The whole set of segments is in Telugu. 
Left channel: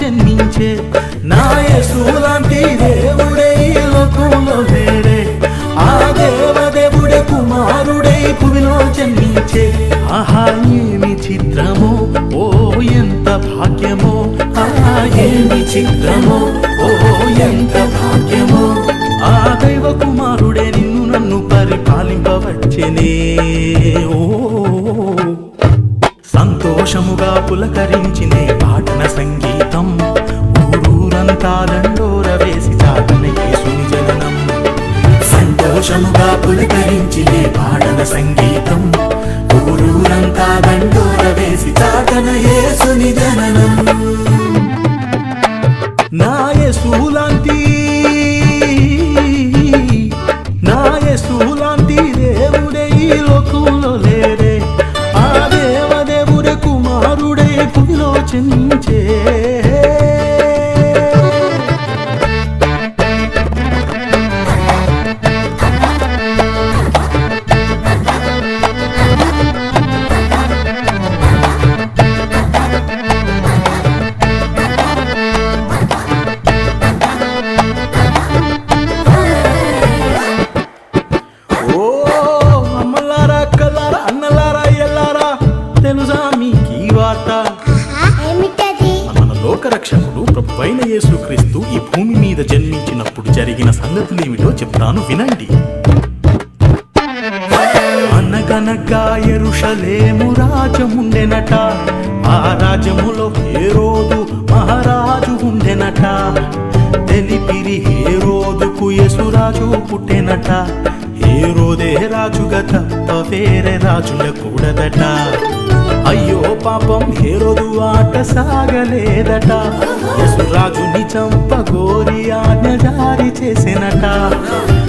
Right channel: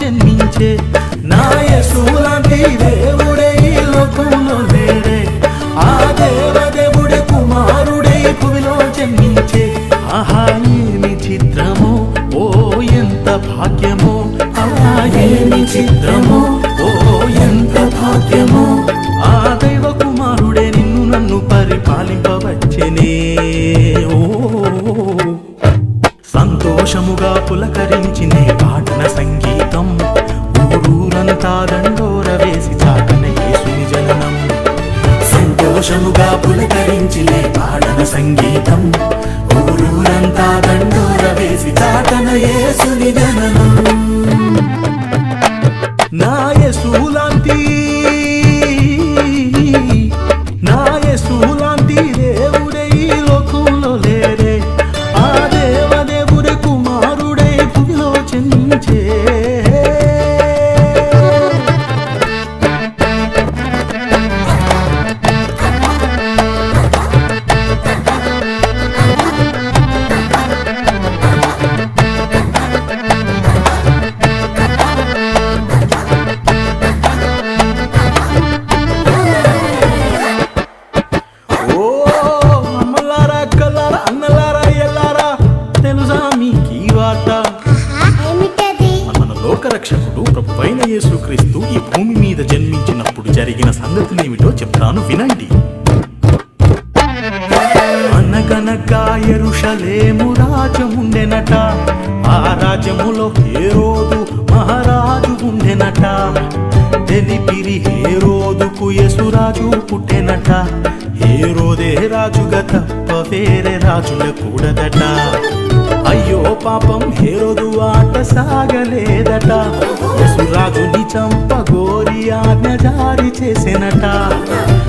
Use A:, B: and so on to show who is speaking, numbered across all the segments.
A: జన్మించే నా యేసు లాంటి దేవుడే ఈ లోకంలో లేరే ఆ దేవదేవుడే కుమారుడే భూమిలో జన్మించే. ఆహా ఏమి చిత్రమో? ఓ ఎంత భాగ్యమో? ఆహా ఏమి చిత్రమో? ఓ ఎంత భాగ్యమో? ఆ దైవ కుమారుడే నిన్ను నన్ను పరిపాలింపవచ్చనే. ఓ సంతోషముగా పులకరించినే పాటన సంగీతం. ఊరూరంతా దండోర వేసి చాటన యేసుని జననం సంతోషముగా పులకరించినే పాటన సంగీతం. ఊరూరంతా దండోర వేసి చాటన యేసుని జననం నా యేసులాంటి జన్మించే లోకరక్షకుడు ప్రభువైన యేసుక్రీస్తు ఈ భూమి మీద జన్మించినప్పుడు జరిగిన సంగతులేమిటో చెప్తాను వినండి. అనగనగా ఎరుషలేము రాజముండెనట ఆ రాజ్యములో హేరోదు మహారాజు ఉండెనట. తెలిపిరి హేరోదుకు యసురాజు పుట్టెనట హేరోదే రాజుగా తప్ప వేరే రాజుండకూడదట. అయ్యో పాపం హేరోదు ఆట సాగలేదట. యసురాజుని చంపగోరి ఆజ్ఞ జారీ చేసినట.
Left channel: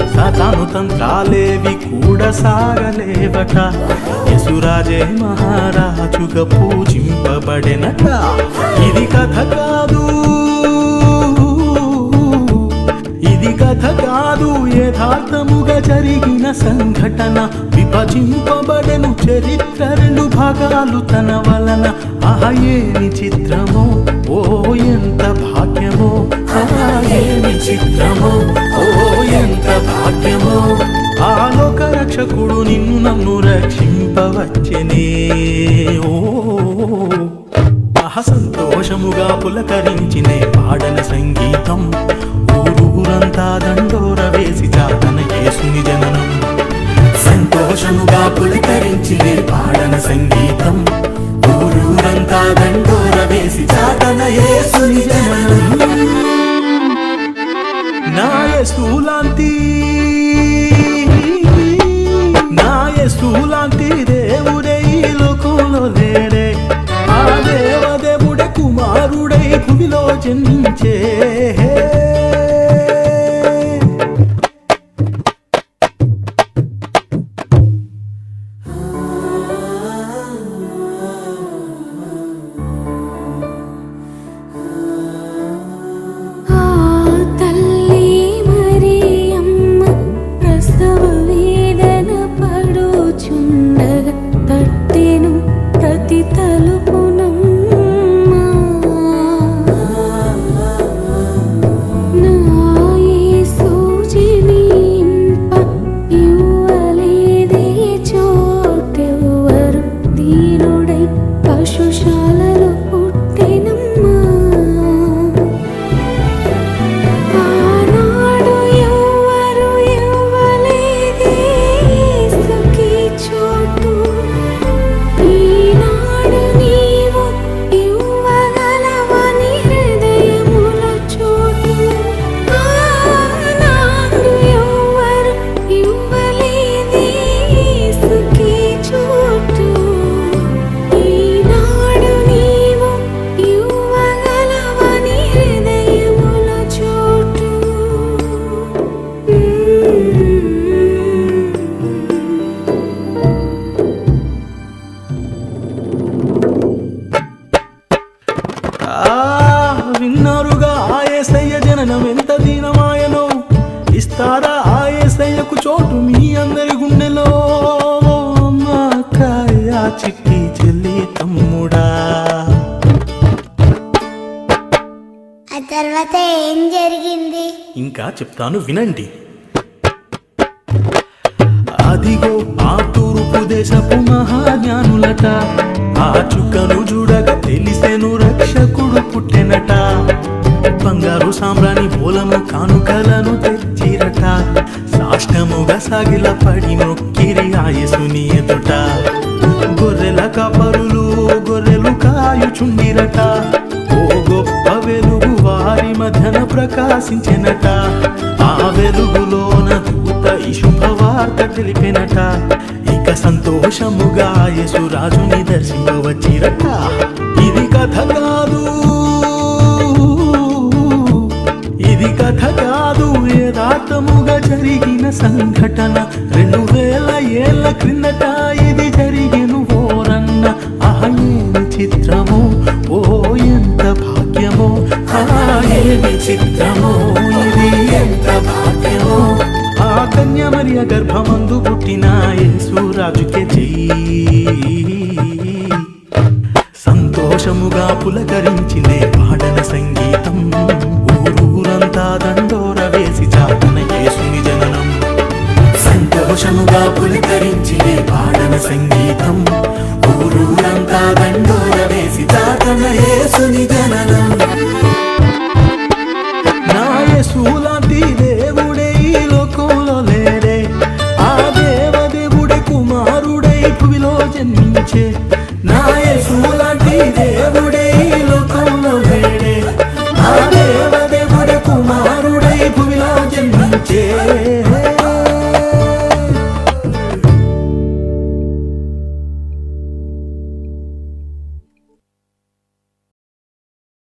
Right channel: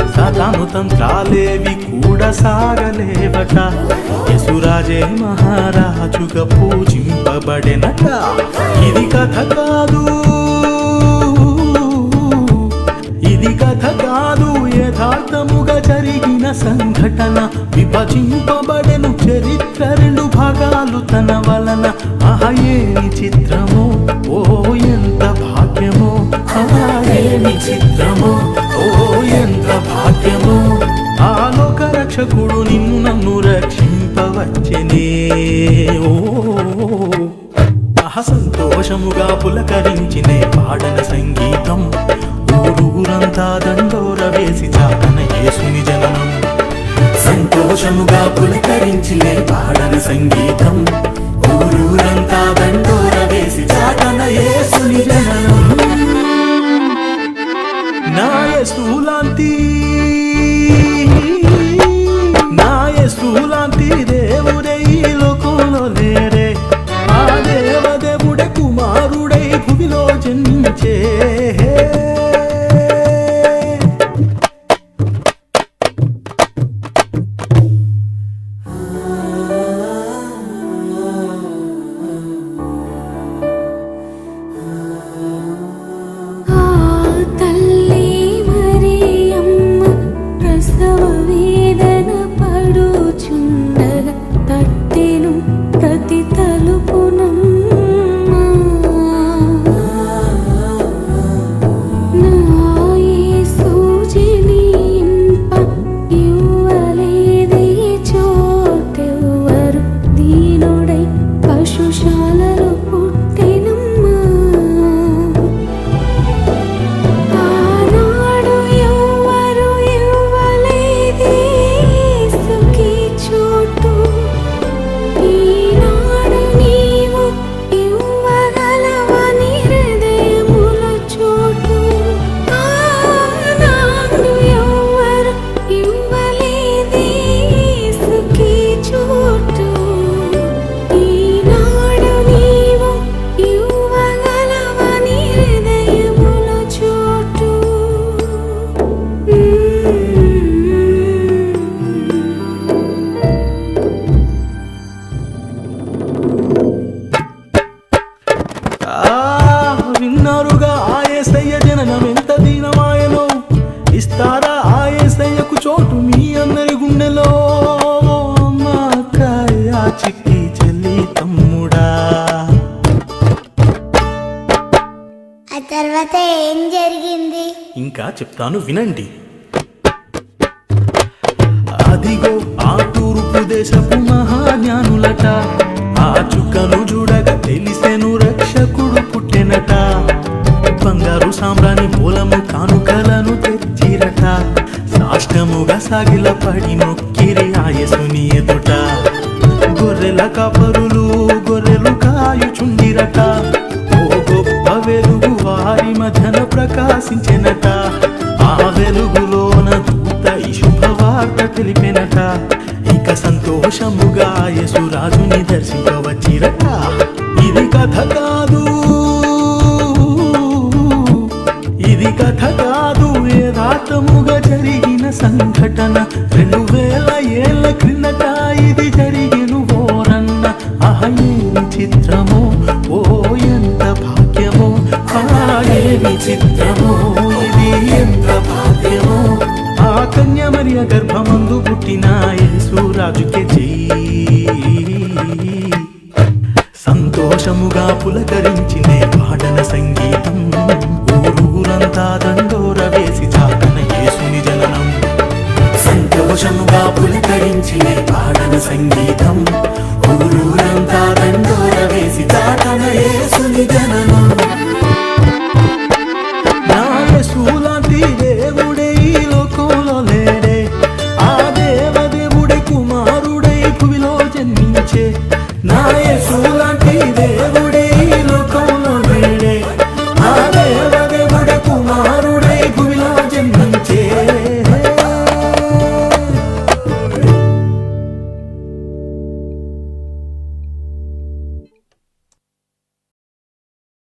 A: సతాను తంత్రాలేవి కూడా సాగలేవట. యసురాజే మహారాజుగా పూజింపబడినట. ఇది కథ కాదు. కాదు యథార్థముగా జరిగిన సంఘటన. విభజింపబడెను చరిత్ర రెండు భాగాలు తన వలన. ఆహ ఏమి చిత్రమో? ఓ ఎంత భాగ్యమో? ఆహా ఏమి చిత్రమో? ఓ ఎంత భాగ్యమో? ఆలోక రక్షకుడు నిన్ను నన్ను రక్షింపవచ్చనే. ఓ సంతోషముగా పులకరించినే పాడన సంగీతం. ఊరూరంతా దండోర వేసి చాటన యేసుని జననం. సంతోషముగా పులకరించిలే పాడన సంగీతం. ఊరూరంతా దండోర వేసి చాటన యేసుని జననం. నా యేసులాంటి నా యేసులాంటి దేవుడే ఈ లోకంలో లేరే ఆ దేవదేవుడే కుమారుడై భూమిలో జన్మించే. cerita విన్నారుగా ఆయేసయ్య జననం ఎంత దీనమాయనో? ఇస్తారా ఆయేసయ్యకు చోటు మీ అందరి గుండెలో? ఓ అమ్మ అక్కయ్య చిట్టి చెల్లి తమ్ముడా.
B: తర్వాత ఏం జరిగింది?
A: ఇంకా చెప్తాను వినండి. అదిగో ఆ తూర్పు దేశపు మహాజ్ఞానులట. ఆ చుక్కను చూడక తెలిసెను రక్షకుడు పుట్టెనట. బంగారు సామ్రాణి మూలము కానుకలను తెచ్చిరట. సాష్టముగా సాగిల పడి నొక్కిరి ఆయసుని ఎదుట. గొర్రెల కాపరులు గొర్రెలు కాయుచుండిరట. ఓ గొప్ప వెలుగు వారి మధ్యన ప్రకాశించెనట. ఆ వెలుగులోన దూత ఈ శుభవార్త తెలిపెనట. ఇక సంతోషముగా యేసురాజుని దర్శింపవచ్చిరట. ఇది కథ కాదు. ఇది కథ కాదు. యథార్థముగా జరిగిన సంఘటన రెండు వేల ఏళ్ళ క్రిందట ఇది జరిగిను ఓరన్న. ఆహ ఏమి చిత్రము ఓ ఎంత భాగ్యమో ఆ విచిత్రమో ఇది ఎంత భాగ్యమో. ఆ కన్యమరియ గర్భమందు పుట్టిన యేసురాజుకే చెయ్యి. సంతోషముగా పులకరించిన పాడన సంగీతం ఊరూరంతా దండో సంతోషముగా పులికరించినే పాడన సంగీతం. ఊరూరంతా దండోర వేసి దాటన ఏసుని జననం.